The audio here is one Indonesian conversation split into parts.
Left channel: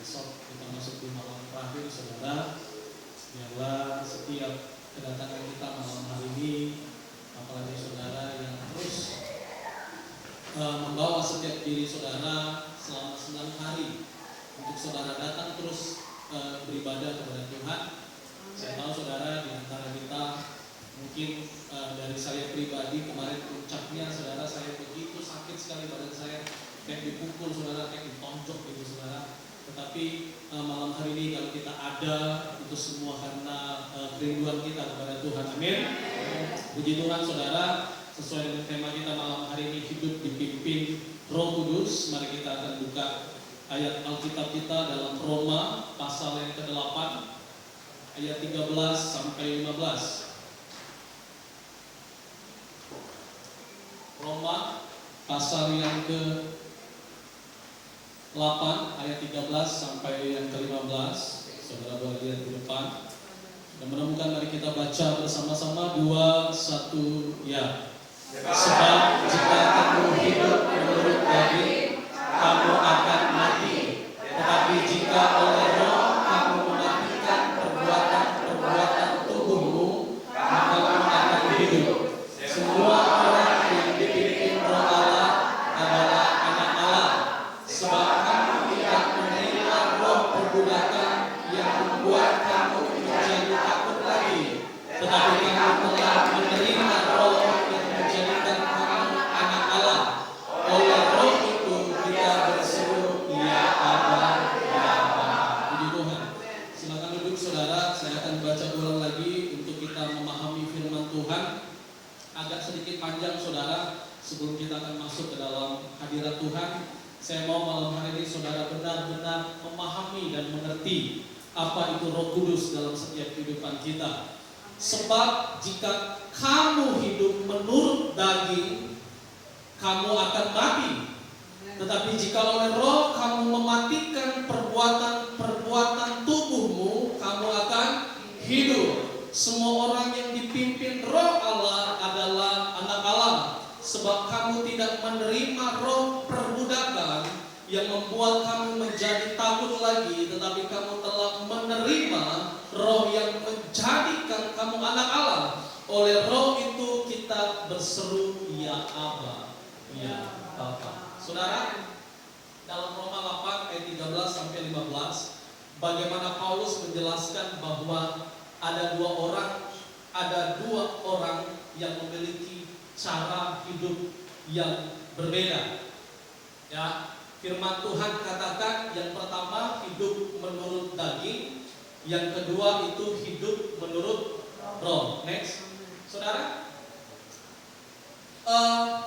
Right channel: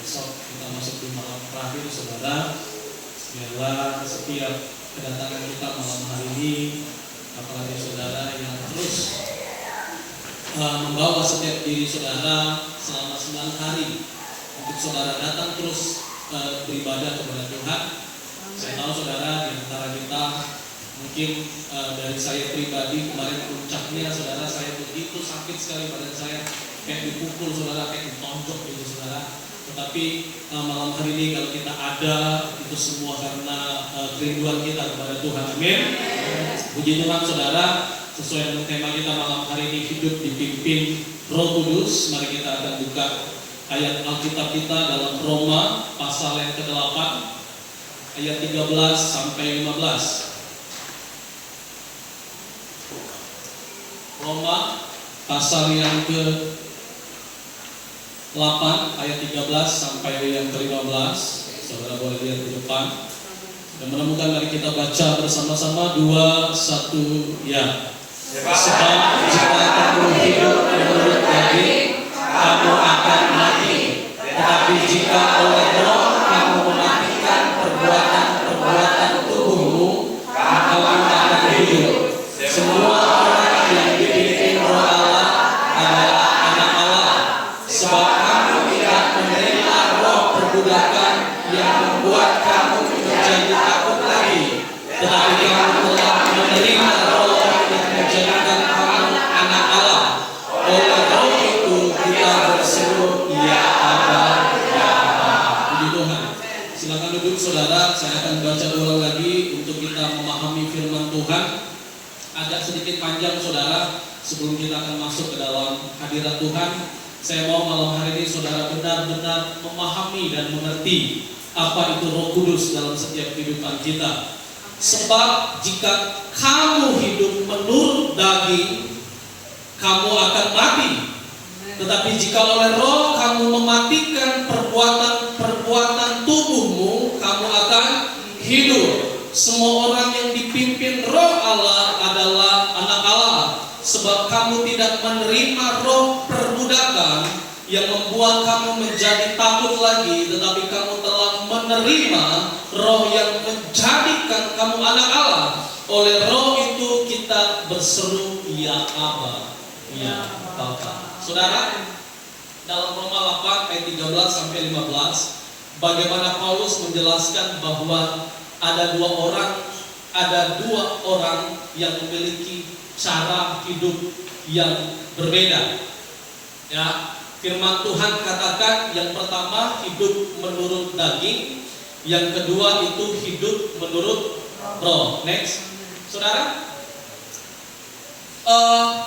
besok kita masuk di malam terakhir, saudara. Biarlah setiap kedatangan kita malam hari ini, apalagi saudara yang terus membawa setiap diri saudara selama 9 hari untuk saudara datang terus beribadah kepada Tuhan. Saya tahu saudara di antara kita mungkin dari saya pribadi kemarin puncaknya saudara, saya begitu sakit sekali badan saya, kayak dipukul saudara, kayak ditonjok gitu saudara. Tetapi malam hari ini kalau kita ada, itu semua karena kerinduan kita kepada Tuhan. Amin. Puji Tuhan saudara, sesuai dengan tema kita malam hari ini, hidup dipimpin Roh Kudus. Mari kita akan buka ayat Alkitab kita dalam Roma pasal yang ke-8 ayat 13 sampai 15. Roma pasal yang ke-8 ayat 13 sampai yang ke-15. Saudara boleh lihat di depan. Dan menemukan, mari kita baca bersama-sama 2, 1, ya. Sebab jika kamu hidup menurut daging, kamu akan mati. Tetapi jika oleh Roh kamu mematikan perbuatan-perbuatan tubuhmu, maka kamu akan hidup. Semua orang yang dipimpin Roh Allah adalah anak Allah. Sebab kamu tidak menerima roh perbudakan yang membuat kamu menjadi takut lagi, tetapi kamu telah menerima roh yang menjadikan kamu anak Allah. Oleh roh itu kita berseru, ya Aba, ya Aba. Puji Tuhan. Silakan duduk saudara, saya akan baca ulang lagi untuk kita memahami firman Tuhan. Agak sedikit panjang saudara, sebelum kita akan masuk ke dalam hadirat Tuhan. Saya mau malam hari ini saudara benar-benar memahami dan mengerti apa itu Roh Kudus dalam setiap kehidupan kita. Sebab jika kamu hidup menurut daging, kamu akan mati. Tetapi jika oleh Roh kamu mematikan perbuatan tubuhmu, kamu akan hidup. Semua orang yang dipimpin Roh Allah adalah anak Allah. Sebab kamu tidak menerima roh perbudakan yang membuat kamu menjadi takut lagi, tetapi kamu telah menerima roh yang menjadikan kamu anak Allah. Oleh roh itu kita berseru, ya Aba, ya Bapa. Saudara, dalam Roma 8 ayat 13 sampai 15, bagaimana Paulus menjelaskan bahwa ada dua orang yang memiliki cara hidup yang berbeda. Ya, firman Tuhan katakan yang pertama hidup menurut daging, yang kedua itu hidup menurut roh. Next, saudara,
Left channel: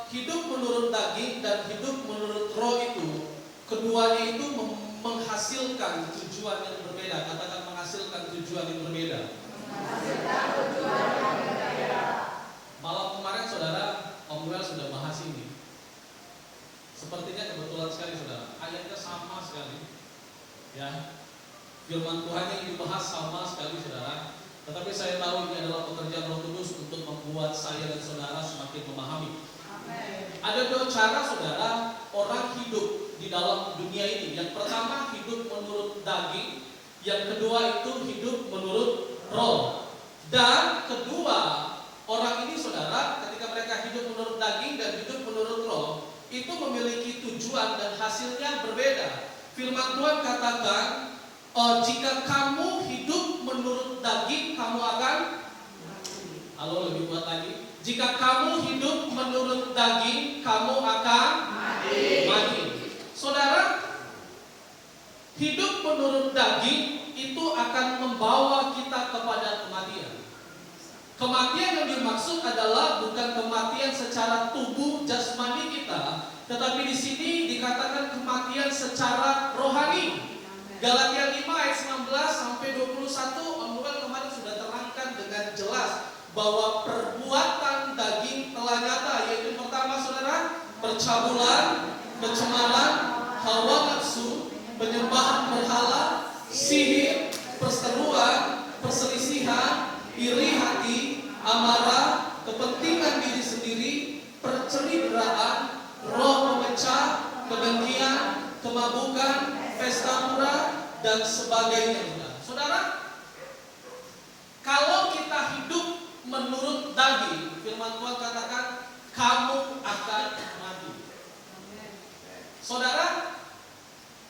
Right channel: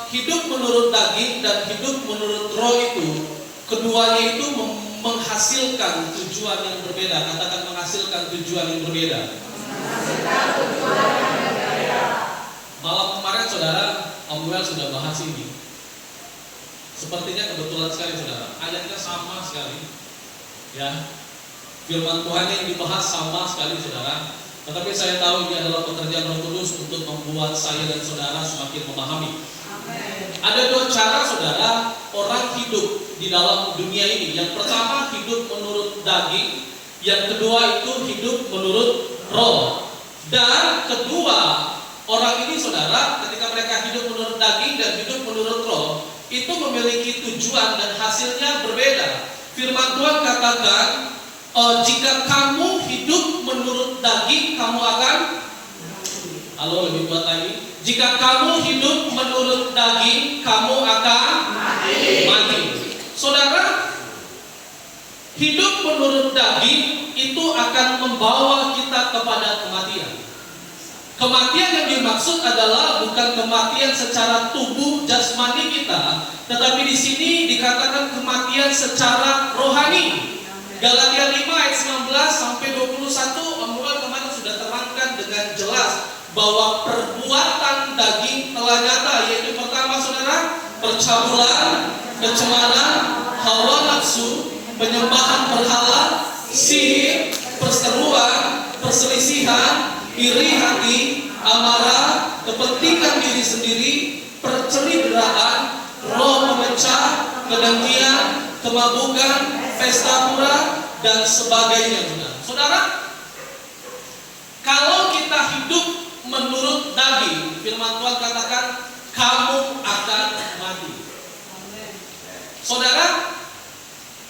hidup menurut daging dan hidup menurut roh itu, keduanya itu menghasilkan tujuan yang berbeda. Katakan menghasilkan tujuan yang berbeda. Malam kemarin saudara, Om Noel sudah bahas ini. Sepertinya kebetulan sekali saudara, ayatnya sama sekali. Ya, firman Tuhan yang dibahas sama sekali saudara. Tetapi saya tahu ini adalah pekerjaan Roh Kudus untuk membuat saya dan saudara semakin memahami. Amen. Ada dua cara saudara orang hidup di dalam dunia ini. Yang pertama hidup menurut daging, yang kedua itu hidup menurut roh. Dan kedua orang ini saudara, ketika mereka hidup menurut daging dan hidup menurut roh, itu memiliki tujuan dan hasilnya berbeda. Firman Tuhan katakan, jika kamu hidup menurut daging, kamu akan, halo lebih kuat lagi, jika kamu hidup menurut daging, kamu akan mati. Saudara, hidup menurut daging itu akan membawa kita kepada kematian. Kematian yang dimaksud adalah bukan kematian secara tubuh jasmani kita, tetapi di sini dikatakan kematian secara rohani. Galatia 5 ayat 19 sampai 21, Om kemarin sudah terangkan dengan jelas bahwa perbuatan daging telah nyata, yaitu pertama saudara, percabulan, kecemaran, hawa nafsu, penyembahan berhala, sihir, perseteruan, perselisihan, iri hati, amarah, kepentingan diri sendiri, perceritaan, roh memecah, kedengkian, kemabukan, pesta pura, dan sebagainya. Saudara, kalau kita hidup menurut daging, firman Tuhan katakan, kamu akan mati. Saudara,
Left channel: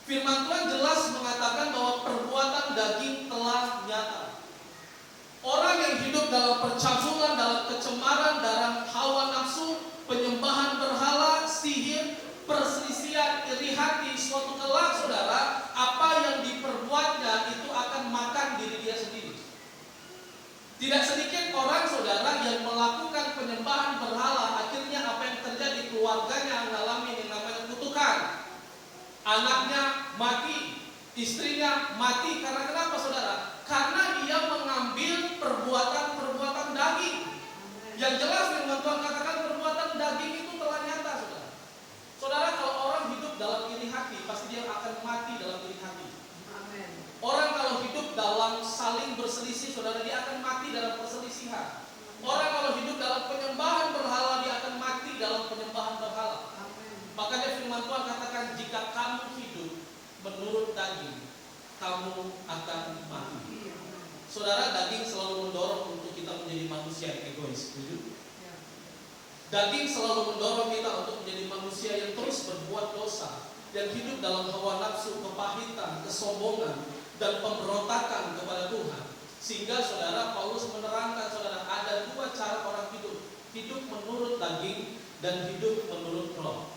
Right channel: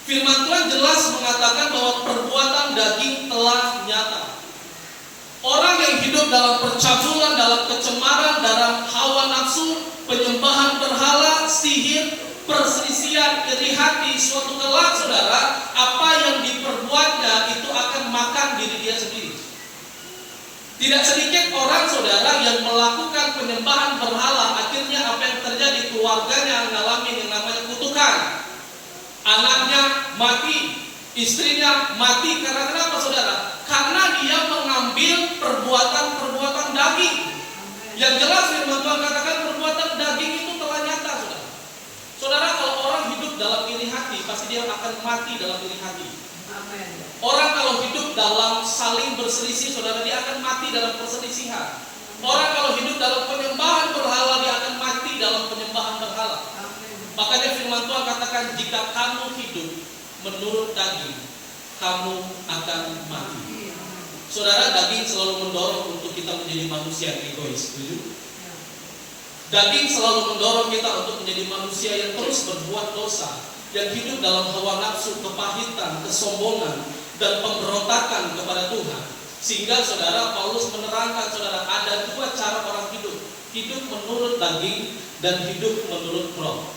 firman Tuhan jelas mengatakan bahwa perbuatan daging telah nyata. Orang yang hidup dalam percabulan, dalam kecemaran, dalam hawa nafsu, penyembahan berhala, sihir, perselisihan, iri hati, suatu kelak, saudara, apa yang diperbuatnya itu akan makan diri dia sendiri. Tidak sedikit orang, saudara, yang melakukan penyembahan berhala, akhirnya apa yang terjadi, keluarganya mengalami yang namanya kutukan. Anaknya mati, istrinya mati. Karena kenapa, saudara? Karena dia mengambil perbuatan-perbuatan daging. Yang jelas firman Tuhan katakan perbuatan daging itu telah nyata, saudara. Saudara, kalau orang hidup dalam iri hati, pasti dia akan mati dalam iri hati. Orang kalau hidup dalam saling berselisih, saudara, dia akan mati dalam perselisihan. Orang kalau hidup dalam penyembahan berhala, dia akan mati dalam penyembahan berhala. Makanya firman Tuhan katakan, jika kamu hidup menurut daging, kamu akan mati. Saudara, daging selalu mendorong untuk kita menjadi manusia yang egois. Setuju? Daging selalu mendorong kita untuk menjadi manusia yang terus berbuat dosa, yang hidup dalam hawa nafsu, kepahitan, kesombongan, dan pemberontakan kepada Tuhan. Sehingga saudara, Paulus menerangkan, saudara, ada dua cara orang hidup. Hidup menurut daging dan hidup menurut roh.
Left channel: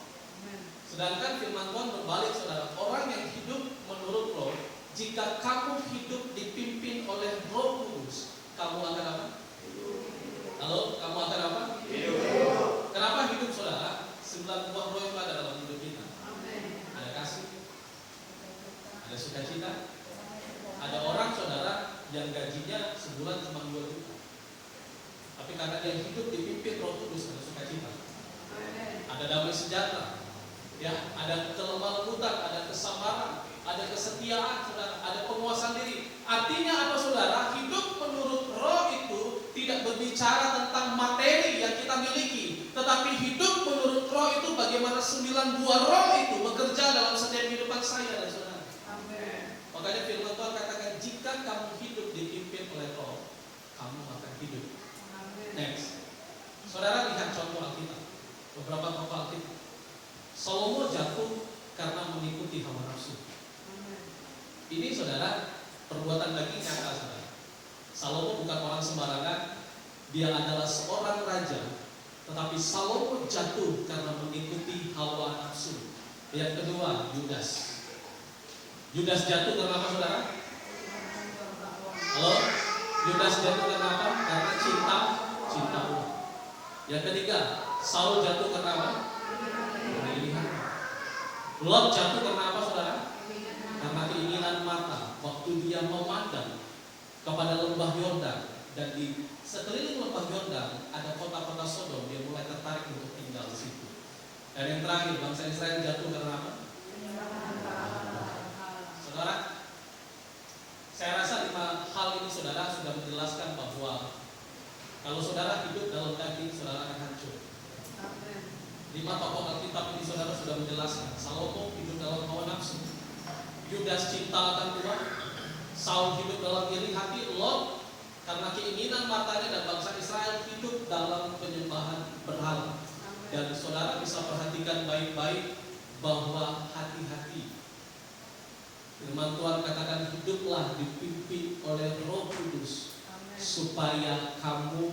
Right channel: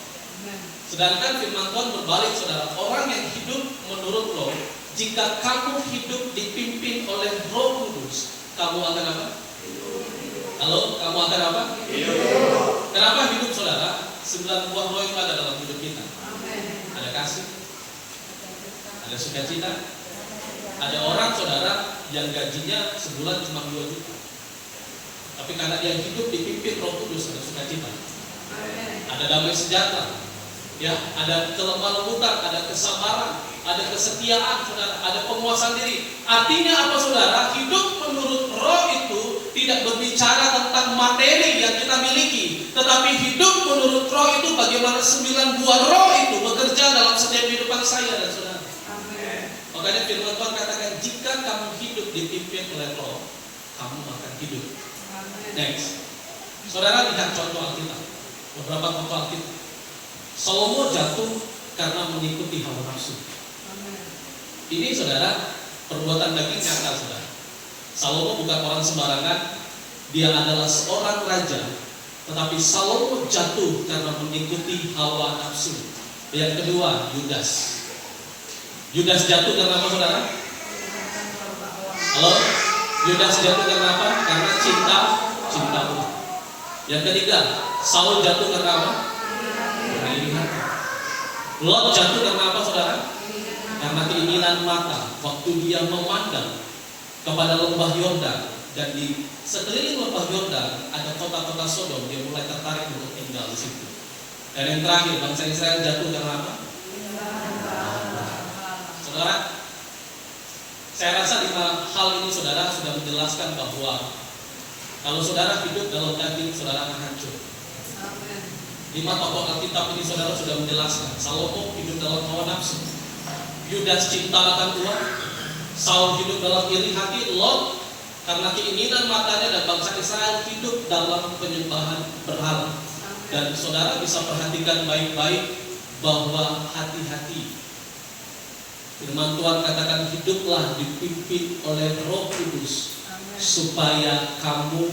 Sedangkan firman Tuhan berbalik, saudara. Orang yang hidup menurut roh, jika kamu hidup dipimpin oleh Roh Kudus, kamu akan apa? Halo, kamu akan apa? Hidup. Kenapa hidup, saudara? 9 buah roh itu ada dalam hidup kita. Ada kasih, ada sukacita. Ada orang, saudara, yang gajinya sebulan cuma 2 juta. Tapi karena dia hidup dipimpin Roh Kudus, ada sukacita. Ada damai sejahtera. Ya, ada kelemah lembutan, ada kesabaran, ada kesetiaan, saudara, ada penguasaan diri. Artinya apa, saudara? Hidup menurut roh itu tidak berbicara tentang materi yang kita miliki, tetapi hidup menurut roh itu bagaimana 9 buah roh itu bekerja dalam setiap kehidupan saya dan saudara. Amen. Makanya firman Tuhan katakan, jika kamu hidup dipimpin oleh roh, kamu akan hidup. Amen. Next, saudara, lihat contoh Alkitab. Beberapa contoh Alkitab. Salomo jatuh karena mengikuti hawa nafsu. Ini, saudara, perbuatan daging nyata, saudara. Salomo bukan orang sembarangan. Dia adalah seorang raja, tetapi Salomo jatuh karena mengikuti hawa nafsu. Yang kedua, Yudas. Yudas jatuh karena apa, saudara? Halo? Yudas jatuh karena apa? Karena cinta uang. Yang ketiga, Saul jatuh karena apa? Karena iri hati. Lot jatuh karena apa, saudara? Karena keinginan mata. Waktu dia memandang kepada lembah Yordan, dan di sekeliling lembah Yordan ada kota-kota Sodom, dia mulai tertarik untuk tinggal di situ. Dan yang terakhir, bangsa Israel jatuh karena apa? Saudara, saya rasa 5 hal ini, saudara, sudah menjelaskan bahwa kalau saudara hidup dalam daging, saudara akan hancur. 5 tokoh Alkitab ini, saudara, sudah menjelaskan. Salomo hidup dalam hawa nafsu, Yudas cinta akan uang, Saul hidup dalam iri hati, Lot karena keinginan matanya, dan bangsa Israel hidup dalam penyembahan berhala. Dan saudara bisa perhatikan baik-baik bahwa hati-hati. Firman Tuhan katakan, hiduplah dipimpin oleh Roh Kudus supaya kamu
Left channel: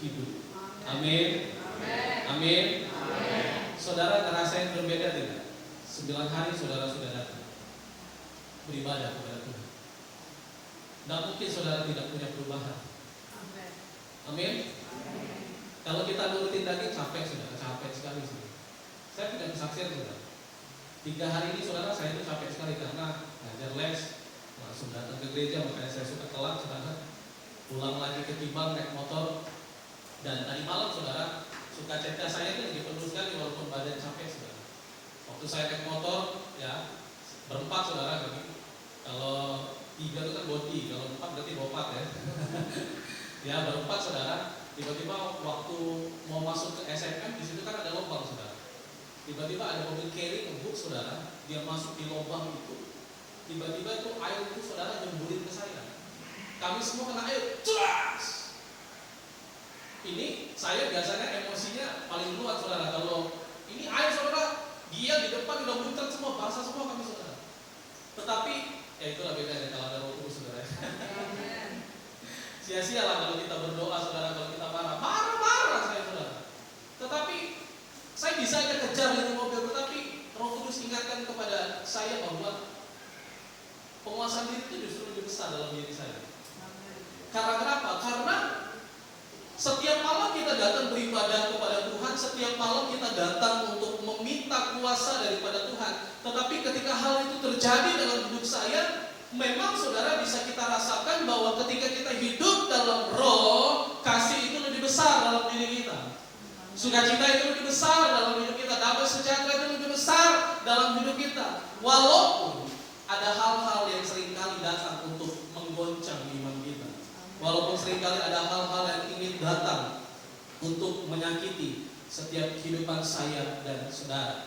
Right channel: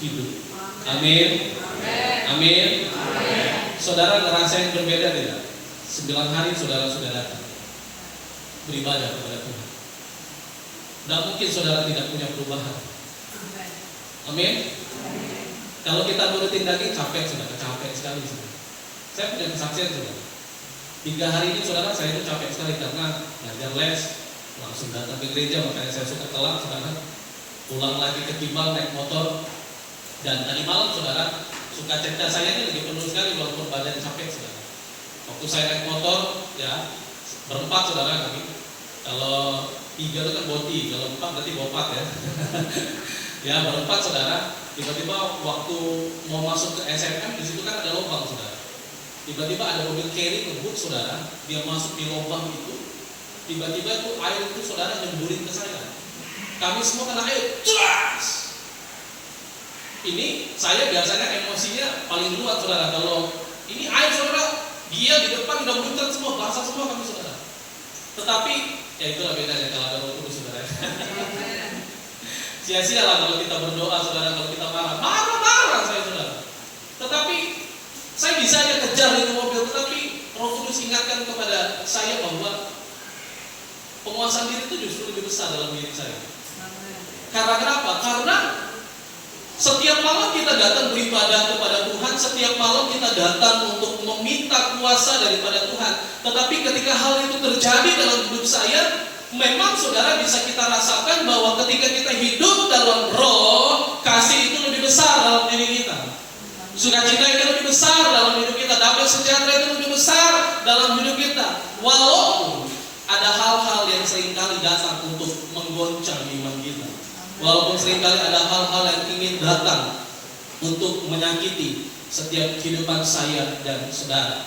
hidup. Amin. Amin. Saudara ngerasain berbeda tidak? 9 hari saudara sudah datang beribadah kepada Tuhan. Tidak mungkin saudara tidak punya perubahan. Amin. Kalau kita nurutin daging, capek, sudah capek sekali. Saya punya kesaksian, saudara. 3 hari ini, saudara, saya itu capek sekali karena ngajar les, langsung datang ke gereja, makanya saya suka telat, saudara. Pulang lagi ke Kimbal naik motor, dan tadi malam, saudara, suka cita saya ini lagi penuh sekali walaupun badan capek, saudara. Waktu saya naik motor, ya berempat, saudara, kami. Kalau 3 itu kan boti, kalau 4 berarti bopat, ya. Ya, berempat, saudara. Tiba-tiba waktu mau masuk ke SMM, di situ kan ada lubang, saudara. Tiba-tiba ada mobil carry ngebut saudara, dia masuk di lubang itu. Tiba-tiba itu air itu saudara nyemburin ke saya. Kami semua kena air, ceras. Ini saya biasanya emosinya paling luar saudara. Kalau ini air saudara, dia di depan udah muncul semua, basah semua kami saudara. Tetapi ya itulah bedanya kalau ada Roh Kudus saudara. Sia-sia lah kalau kita berdoa saudara, kalau kita marah saya saudara. Tetapi saya bisa aja kejar itu mobil, tetapi Roh Kudus ingatkan kepada saya bahwa penguasaan diri itu justru lebih besar dalam diri saya. Karena kenapa? Karena setiap malam kita datang beribadah kepada Tuhan, setiap malam kita datang untuk meminta kuasa daripada Tuhan. Tetapi ketika hal itu terjadi dalam hidup saya, memang saudara bisa kita rasakan bahwa ketika kita hidup dalam roh, kasih itu lebih besar dalam diri kita. Sukacita itu lebih besar dalam hidup kita, damai sejahtera itu lebih besar dalam hidup kita. Walaupun ada hal-hal yang seringkali datang untuk menggoncang iman kita. Walaupun seringkali ada hal-hal yang ingin datang untuk menyakiti setiap kehidupan saya dan saudara.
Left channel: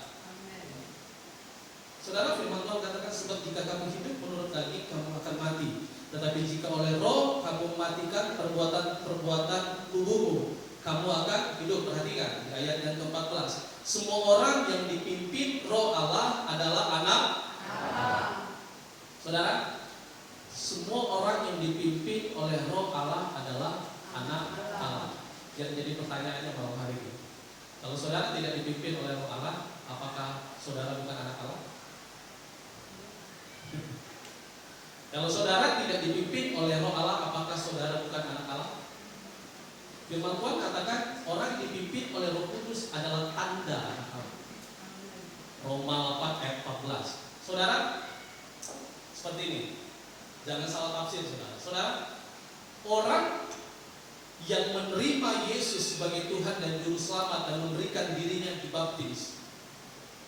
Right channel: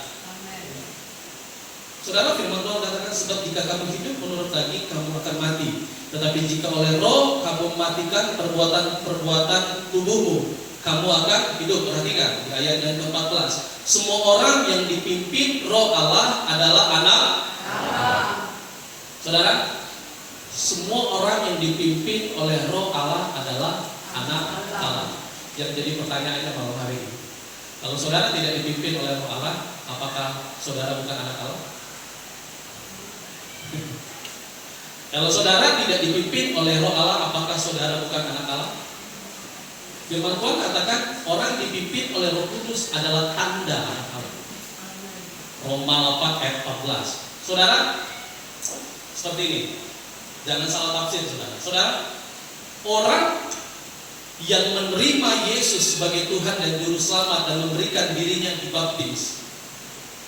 Saudara, firman Tuhan katakan, sebab jika kamu hidup menurut daging, kamu akan mati. Tetapi jika oleh roh kamu mematikan perbuatan tubuhmu, kamu akan hidup. Perhatikan di ayat yang ke-14. Semua orang yang dipimpin roh Allah adalah anak Allah. Saudara, semua orang yang dipimpin oleh roh Allah adalah anak Allah. Yang jadi pertanyaannya malam hari ini, kalau saudara tidak dipimpin oleh roh Allah, apakah saudara bukan anak Allah? Kalau saudara tidak dipimpin oleh roh Allah, apakah saudara bukan anak Allah? Firman Tuhan katakan orang dipimpin oleh Roh Kudus adalah tanda anak Allah. Roma 8 ayat 14. Saudara, seperti ini. Jangan salah tafsir saudara. Saudara, orang yang menerima Yesus sebagai Tuhan dan Juru Selamat dan memberikan dirinya dibaptis,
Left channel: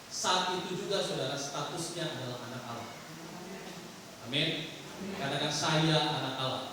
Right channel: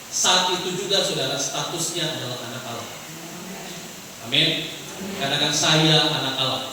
saat itu juga saudara statusnya adalah anak Allah. Amin. Katakan, saya anak Allah.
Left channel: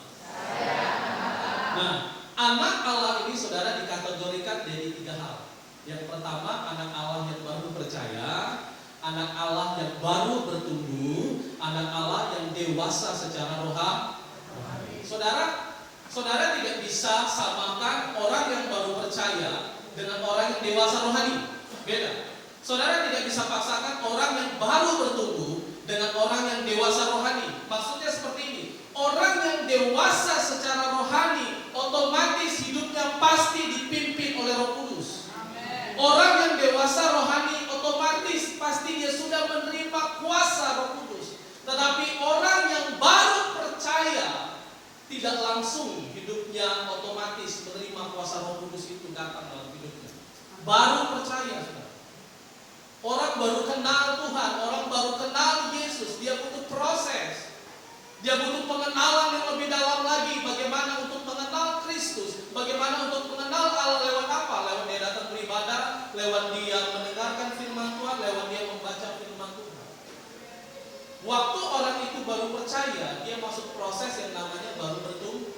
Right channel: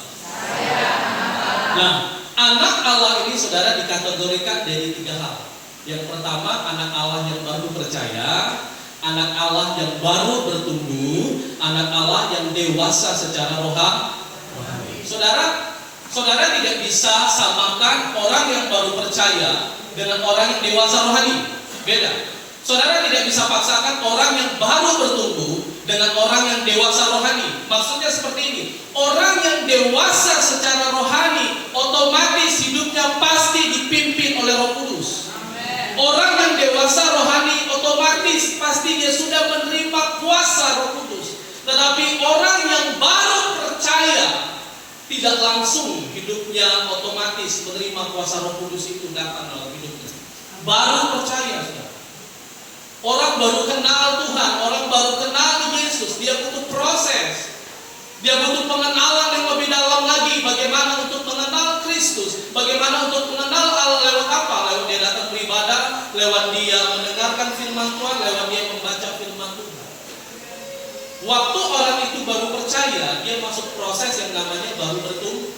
Nah, anak Allah ini saudara dikategorikan dari 3 hal. Yang pertama, anak Allah yang baru percaya, anak Allah yang baru bertumbuh, anak Allah yang dewasa secara rohani. Saudara tidak bisa samakan orang yang baru percaya dengan orang yang dewasa rohani. Beda. Saudara tidak bisa paksakan orang yang baru bertumbuh dengan orang yang dewasa rohani. Maksudnya seperti ini. Orang yang dewasa secara rohani otomatis hidupnya pasti dipimpin oleh Roh Kudus. Orang yang dewasa rohani otomatis pasti dia sudah menerima kuasa Roh Kudus. Tetapi orang yang baru percaya tidak langsung hidupnya otomatis menerima kuasa Roh Kudus itu datang dalam hidupnya. Baru percaya saudara. Orang baru kenal Tuhan, orang baru kenal Yesus, dia butuh proses. Dia butuh pengenalan yang lebih dalam lagi. Bagaimana untuk mengenal Kristus, bagaimana untuk mengenal Allah lewat apa? Lewat dia datang beribadah, lewat dia mendengarkan firman Tuhan, lewat dia membaca firman Tuhan. Waktu orang itu baru percaya, dia masuk proses yang namanya baru bertumbuh.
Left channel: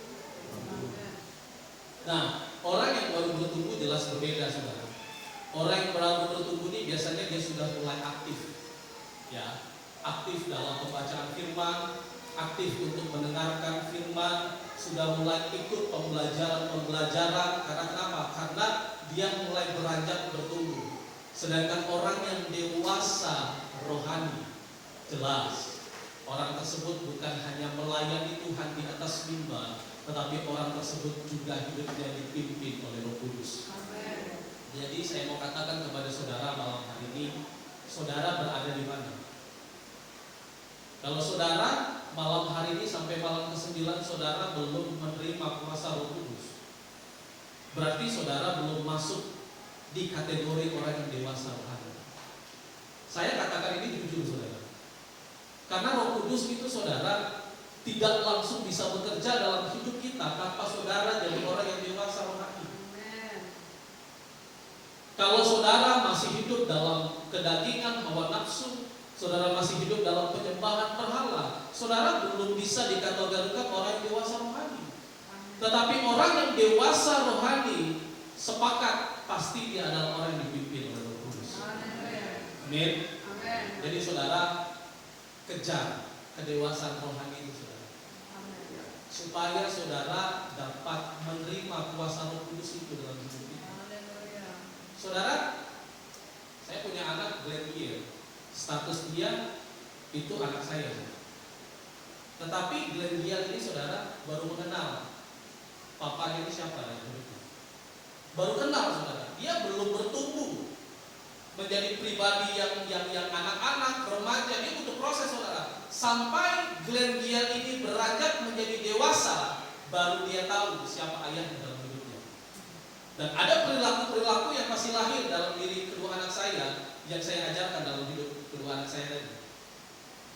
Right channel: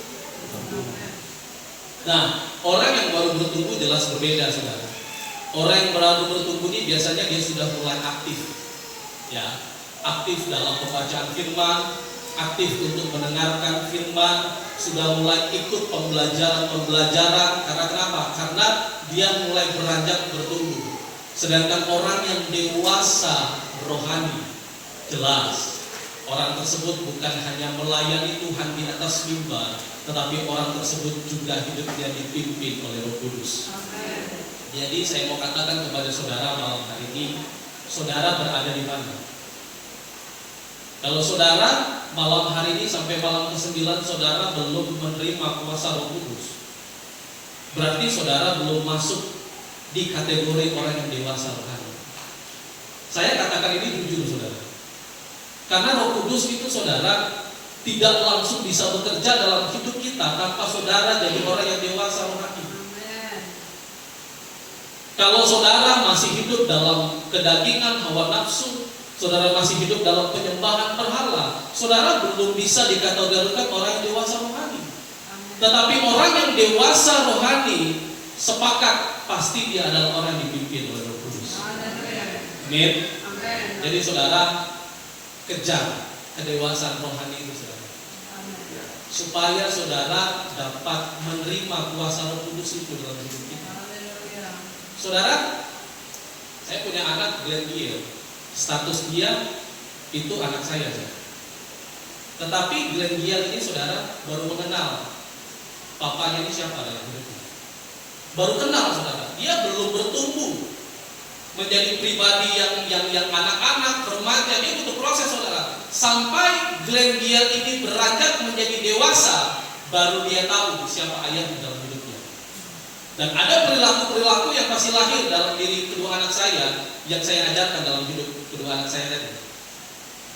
Nah, orang yang baru bertumbuh jelas berbeda saudara. Orang yang baru bertumbuh ini biasanya dia sudah mulai aktif, ya, aktif dalam pembacaan firman, aktif untuk mendengarkan firman, sudah mulai ikut pembelajaran. Karena kenapa? Karena dia mulai beranjak bertumbuh. Sedangkan orang yang dewasa rohani, jelas orang tersebut bukan hanya melayani Tuhan di atas mimbar, tetapi orang tersebut juga hidupnya dipimpin oleh Roh Kudus. Jadi saya mau katakan kepada saudara malam hari ini, saudara berada di mana? Kalau saudara malam hari ini sampai malam ke-9 saudara belum menerima kuasa Roh Kudus, berarti saudara belum masuk di kategori orang yang dewasa rohani. Saya katakan ini jujur saudara, karena Roh Kudus itu saudara tidak langsung bisa bekerja dalam hidup kita tanpa saudara jadi orang yang dewasa rohani. Kalau saudara masih hidup dalam kedagingan, hawa nafsu, saudara masih hidup dalam penyembahan berhala, saudara belum bisa dikategorikan orang yang dewasa rohani. Tetapi orang yang dewasa rohani, sepakat pasti dia adalah orang yang dipimpin oleh Roh Kudus. Amin. Jadi saudara, kejar kedewasaan rohani itu saudara. Supaya saudara dapat menerima kuasa Roh Kudus itu dalam hidup kita. Saudara, saya punya anak Glenn Gill. Status dia itu anak saya. Tetapi Glenn Gill ini saudara baru mengenal papanya ini siapa dalam hidupnya. Baru kenal saudara. Dia belum bertumbuh menjadi pribadi yang anak-anak, remaja. Dia butuh proses saudara. Sampai Glenn Gill ini beranjak menjadi dewasa, baru dia tahu siapa ayahnya dalam hidupnya. Dan ada perilaku-perilaku yang masih lahir dalam diri kedua anak saya, yang saya ajarkan dalam hidup kedua anak saya tadi.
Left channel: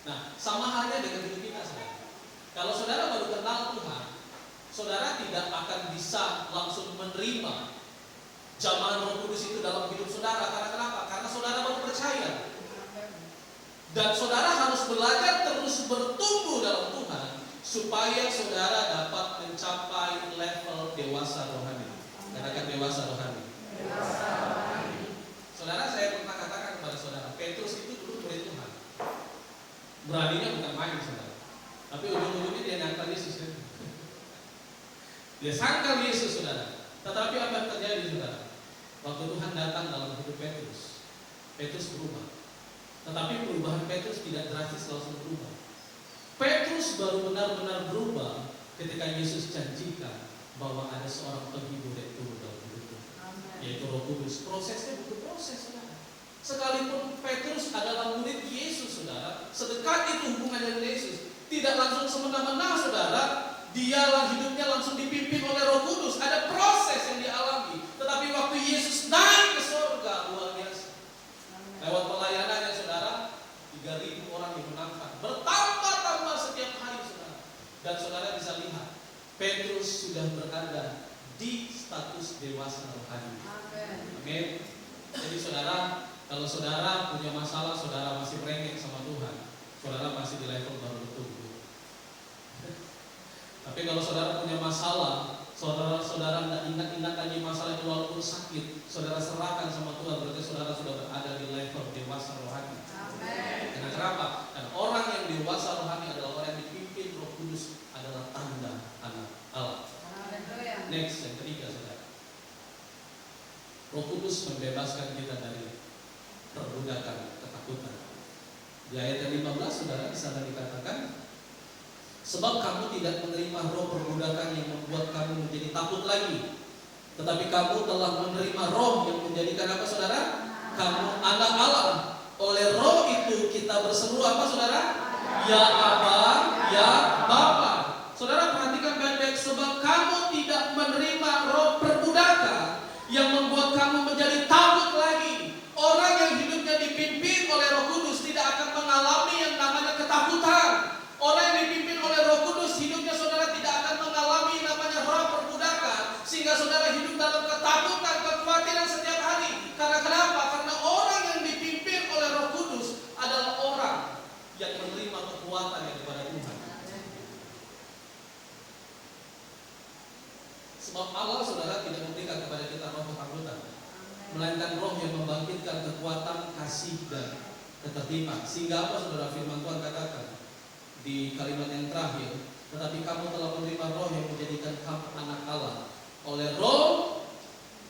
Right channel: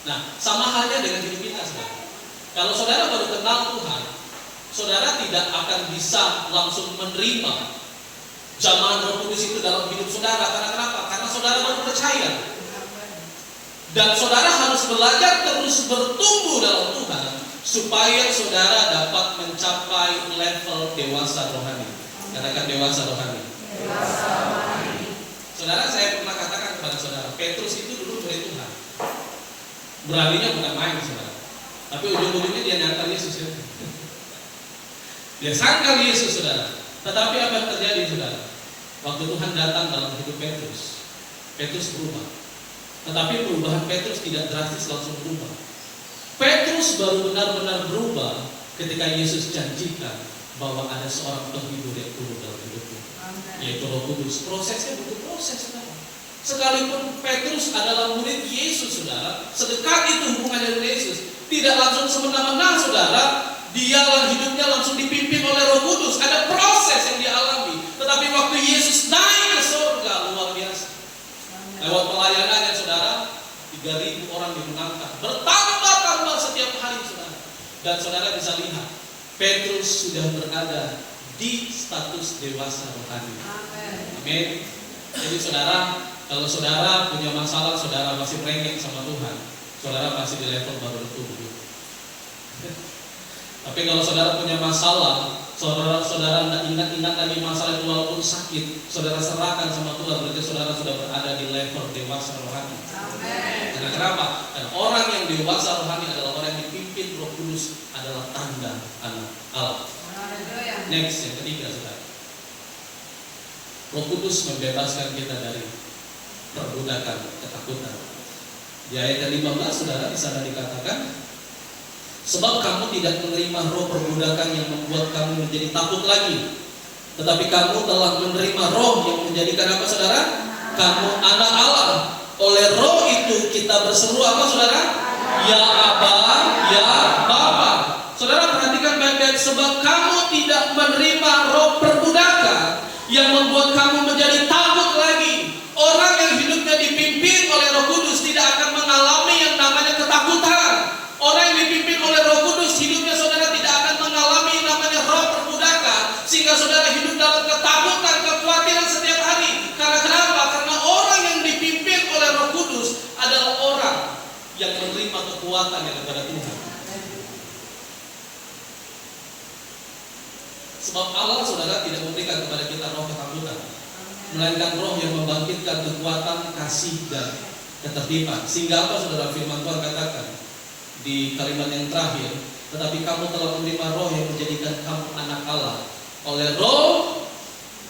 Nah, sama halnya dengan hidup kita saudara. Kalau saudara baru kenal Tuhan, saudara tidak akan bisa langsung menerima jamahan Roh Kudus itu dalam hidup saudara. Karena kenapa? Karena saudara baru percaya. Dan saudara harus belajar terus bertumbuh dalam Tuhan, supaya saudara dapat mencapai level dewasa rohani. Katakan dewasa rohani. Saudara, saya pernah katakan kepada saudara, Petrus itu dulu murid Tuhan. Beraninya bukan main saudara. Tapi ujung-ujungnya dia nyangkal Yesus ya. Dia sangkal Yesus saudara. Tetapi apa yang terjadi saudara? Waktu Tuhan datang dalam hidup Petrus, Petrus berubah. Tetapi perubahan Petrus tidak drastis langsung berubah. Petrus baru benar-benar berubah ketika Yesus janjikan bahwa ada seorang penghibur yang turun dalam hidupnya, yaitu Roh Kudus. Prosesnya butuh proses saudara. Sekalipun Petrus adalah murid Yesus saudara, sedekat itu hubungannya dengan Yesus, tidak langsung semena-mena saudara. Dia hidupnya langsung dipimpin oleh Roh Kudus. Ada proses yang dialami. Tetapi waktu Yesus naik ke surga, luar biasa. Lewat pelayanannya saudara, 3.000 orang dimenangkan, bertambah-tambah setiap hari saudara. Dan saudara bisa lihat, Petrus sudah berada di status dewasa rohani. Amin. Jadi saudara, kalau saudara punya masalah, saudara masih merengek sama Tuhan, saudara masih di level baru bertumbuh. Tapi kalau saudara punya masalah, saudara tidak ingat-ingat lagi masalah itu walaupun sakit, saudara serahkan sama Tuhan, berarti saudara sudah berada di level dewasa rohani. Amen. Karena kenapa? Dan orang yang dewasa rohani adalah orang yang dipimpin Roh Kudus, adalah tanda anak Allah. Next, yang ketiga saudara, Roh Kudus membebaskan kita dari perbudakan ketakutan. Di ayat ke-15 saudara di sana dikatakan, sebab kamu tidak menerima roh perbudakan yang membuat kamu menjadi takut lagi, tetapi kamu telah menerima roh yang menjadikan apa saudara? Kamu anak Allah. Oleh roh itu kita berseru apa saudara? Ya Aba, ya Bapa. Saudara perhatikan baik-baik, sebab kamu tidak menerima roh perbudakan yang membuat kamu menjadi takut lagi. Orang yang hidupnya dipimpin oleh Roh Kudus tidak akan mengalami yang namanya ketakutan. Orang yang dipimpin oleh Roh Kudus, hidupnya saudara tidak akan mengalami namanya roh perbudakan, sehingga saudara hidup dalam ketakutan, kekhawatiran setiap hari. Karena kenapa? Karena orang yang dipimpin oleh Roh Kudus adalah orang yang menerima kekuatan yang daripada Tuhan. Sebab Allah saudara tidak memberikan kepada kita roh ketakutan, melainkan roh yang membangkitkan kekuatan, kasih dan ketertiban. Sehingga apa saudara, firman Tuhan katakan di kalimat yang terakhir, tetapi kamu telah menerima roh yang menjadikan kamu anak Allah. Oleh roh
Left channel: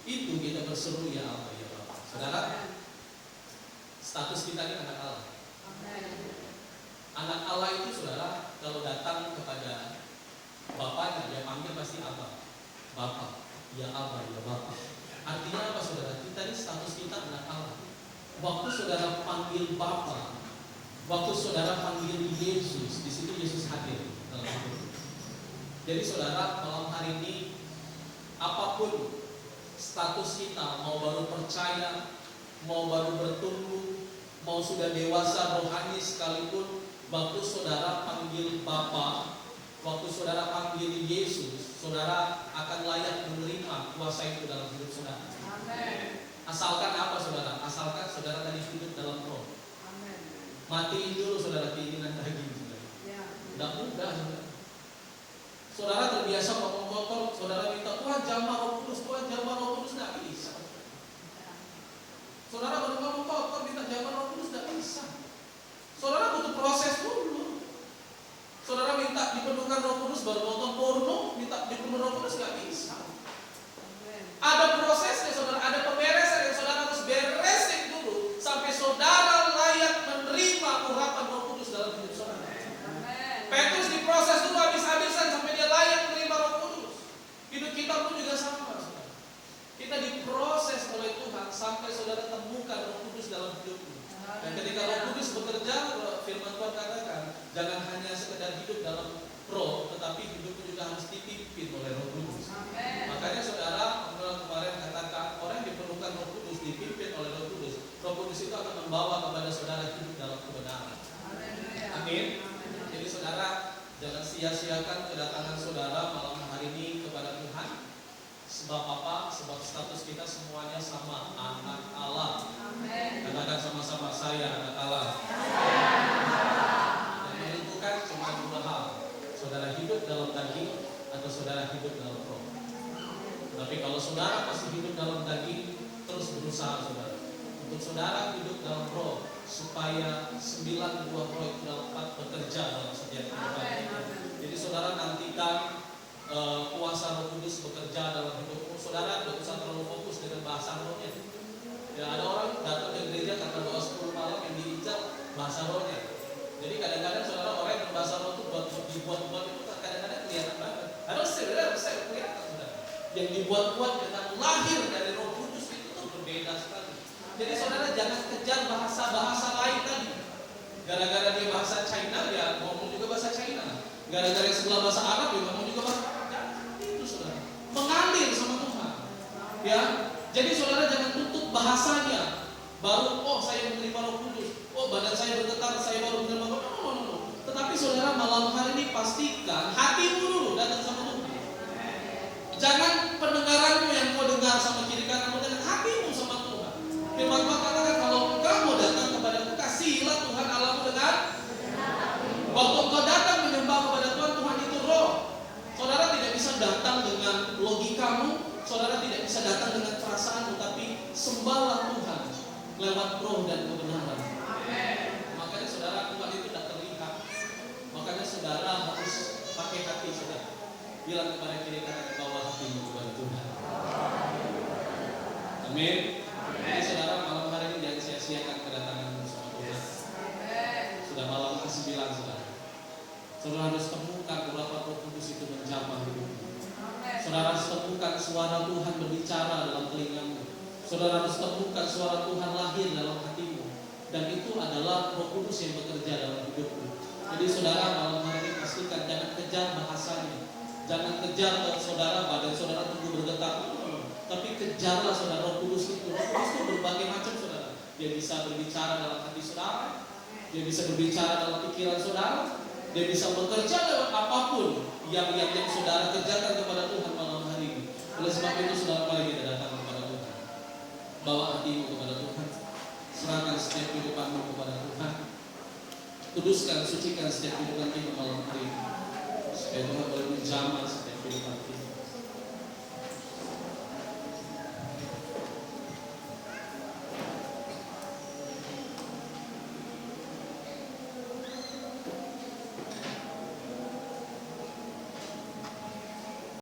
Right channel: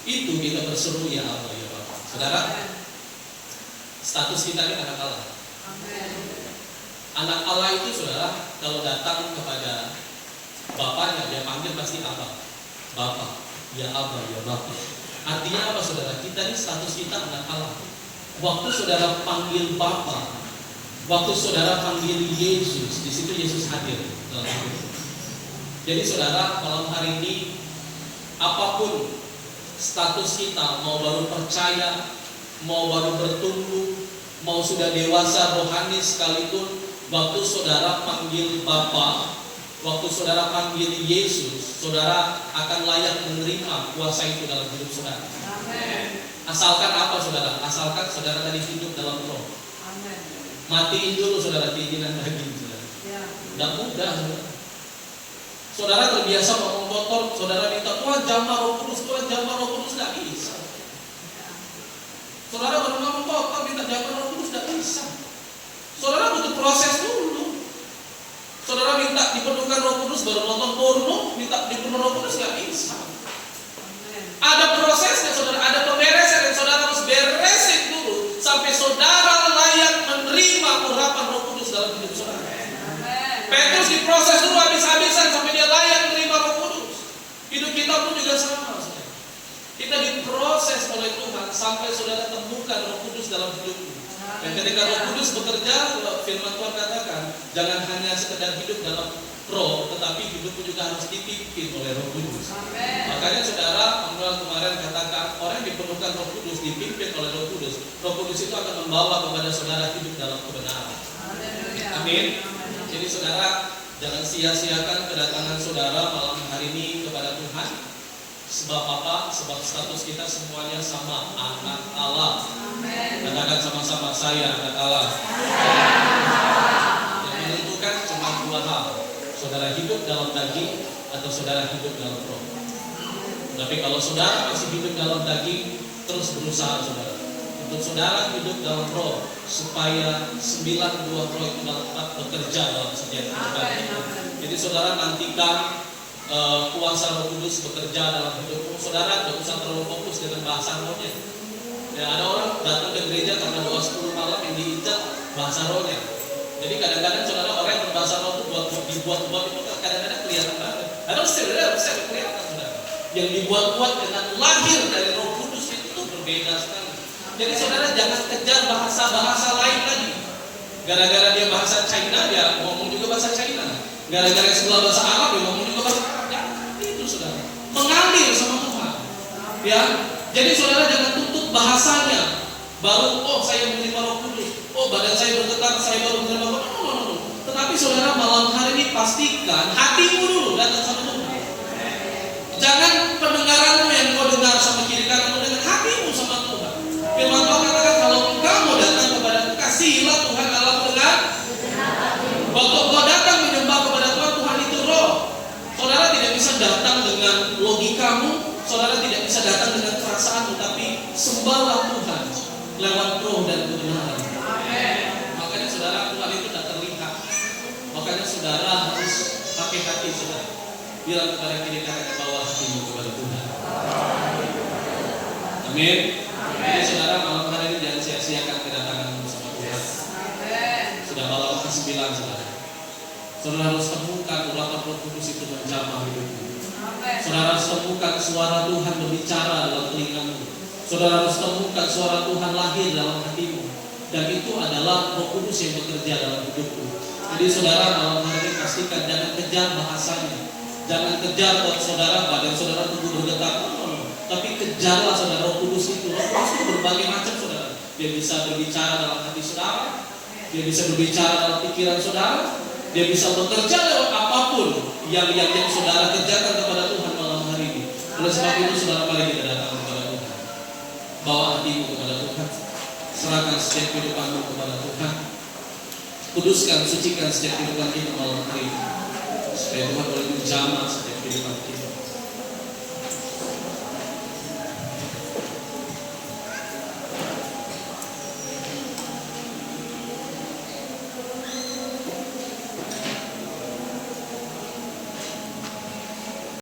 itu kita berseru ya Allah ya Bapa. Saudara, status kita ini anak Allah. Anak Allah itu saudara, kalau datang kepada bapaknya, dia panggil pasti Abba, Bapa, ya Abba ya Bapa. Artinya apa saudara? Kita ini status kita anak Allah. Waktu saudara panggil Bapa, waktu saudara panggil Yesus, di situ Yesus hadir dalam hidup. Jadi saudara, malam hari ini apapun status kita, mau baru percaya, mau baru bertumbuh, mau sudah dewasa rohani sekalipun, waktu saudara panggil Bapa, waktu saudara panggil Yesus, saudara akan layak menerima kuasa itu dalam hidup saudara. Amen. Asalkan apa saudara? Asalkan saudara tadi hidup dalam roh. Matiin dulu saudara keinginan daging saudara. Tidak mudah saudara. Saudara terbiasa ngomong kotor, saudara minta Tuhan jamah Roh Kudus, Tuhan jamah Roh Kudus, tidak bisa. Saudara baru ngomong kotor minta jawaban Roh Kudus tidak bisa. Saudara butuh proses dulu. Saudara minta dipenuhkan Roh Kudus baru nonton porno, minta dipenuhi Roh Kudus nggak bisa. Ada prosesnya, saudara. Ada pemberesan yang saudara harus beresin dulu sampai saudara layak menerima urapan Roh Kudus dalam hidup saudara. Petrus diproses dulu habis-habisan sampai dia layak menerima Roh Kudus. Hidup kita pun juga sama, saudara. Kita diproses oleh Tuhan sampai saudara temukan Roh Kudus dalam hidupmu. Dan ketika Roh Kudus bekerja, firman Tuhan katakan, jangan hanya sekedar hidup dalam Roh, tetapi hidupmu juga harus dipimpin oleh Roh Kudus. Makanya saudara, kemarin katakan, orang yang dipenuhkan Roh Kudus, dipimpin oleh Roh Kudus. Roh Kudus itu akan membawa kepada saudara hidup dalam kebenaran. Amin. Jadi saudara, jangan sia-siakan kedatangan saudara malam hari ini kepada Tuhan. Sebab apa? Sebab status kita semuanya sama, anak Allah. Katakan sama-sama, saya anak Allah. Yang menentukan cuma dua hal. Saudara hidup dalam daging atau saudara hidup dalam roh. Tapi kalau saudara masih hidup dalam daging, terus berusaha saudara. Untuk saudara hidup dalam roh, supaya 9 buah roh itu dapat bekerja dalam setiap kehidupan kita. Jadi saudara nantikan kuasa Roh Kudus bekerja dalam hidupmu. Saudara tidak usah terlalu fokus dengan bahasa rohnya. Ya, ada orang datang ke gereja karena doa 10 malam yang diinjak bahasa rohnya. Jadi kadang-kadang saudara orang yang berbahasa roh itu dibuat-buat itu kadang-kadang kelihatan banget. Ada bisa kelihatan saudara. Yang dibuat-buat dengan lahir dari Roh Kudus itu berbeda sekali. Jadi saudara jangan kejar bahasa-bahasa lain lagi. Gara-gara dia bahasa China, dia ngomong juga bahasa China. Gara-gara sebelah bahasa Arab, dia ngomong juga bahasa Arab. Itu saudara. Mengambil sama Tuhan. Ya. Jadi saudara jangan tutup bahasanya. Baru, saya menerima Roh Kudus. Badan saya bergetar, saya baru menerima Roh Kudus. No. Tetapi saudara malam hari ini pastikan hatimu dulu datang sama Tuhan. Jangan pendengaranmu yang kau dengar sama kiri kananmu, dengan hatimu sama Tuhan. Firman Tuhan katakan kalau engkau mau datang kepadaku, kasihilah Tuhan Allahmu dengan waktu engkau datang menyembah kepada Tuhan, Tuhan itu roh. Saudara tidak bisa datang dengan logikamu, saudara tidak bisa datang dengan perasaanmu, tapi sembahlah Tuhan lewat roh dan kebenaran. Makanya saudara, Tuhan itu tidak terlihat. Makanya saudara harus pakai hati saudara. Bilang kepada kiri kanan bawa hatimu kepada Tuhan. Amin. Jadi saudara malam hari ini jangan sia-siakan kedatanganmu bersama Tuhan. Sudah malam ke-9 saudara. Saudara harus temukan urapan Roh Kudus itu menjamah hidupmu. Saudara harus temukan suara Tuhan berbicara dalam telingamu. Saudara harus temukan suara Tuhan lahir dalam hatimu. Dan itu adalah Roh Kudus yang bekerja dalam hidupmu. Jadi saudara malam hari ini pastikan jangan kejar bahasanya. Jangan kejar buat saudara badan saudara tubuh bergetar. Tapi kejarlah saudara Roh Kudus itu. Roh Kudus itu berbagai macam saudara. Dia bisa berbicara dalam hati saudara. Dia bisa berbicara dalam pikiran saudara. Dia bisa bekerja lewat apapun yang saudara kerjakan kepada Tuhan malam hari ini. Oleh sebab itu saudara, mari kita datang kepada Tuhan. Bawa hatimu kepada Tuhan. Serahkan setiap kehidupanmu kepada Tuhan. Kuduskan, sucikan setiap kehidupan kita malam hari ini, supaya Tuhan boleh menjamah setiap kehidupan kita.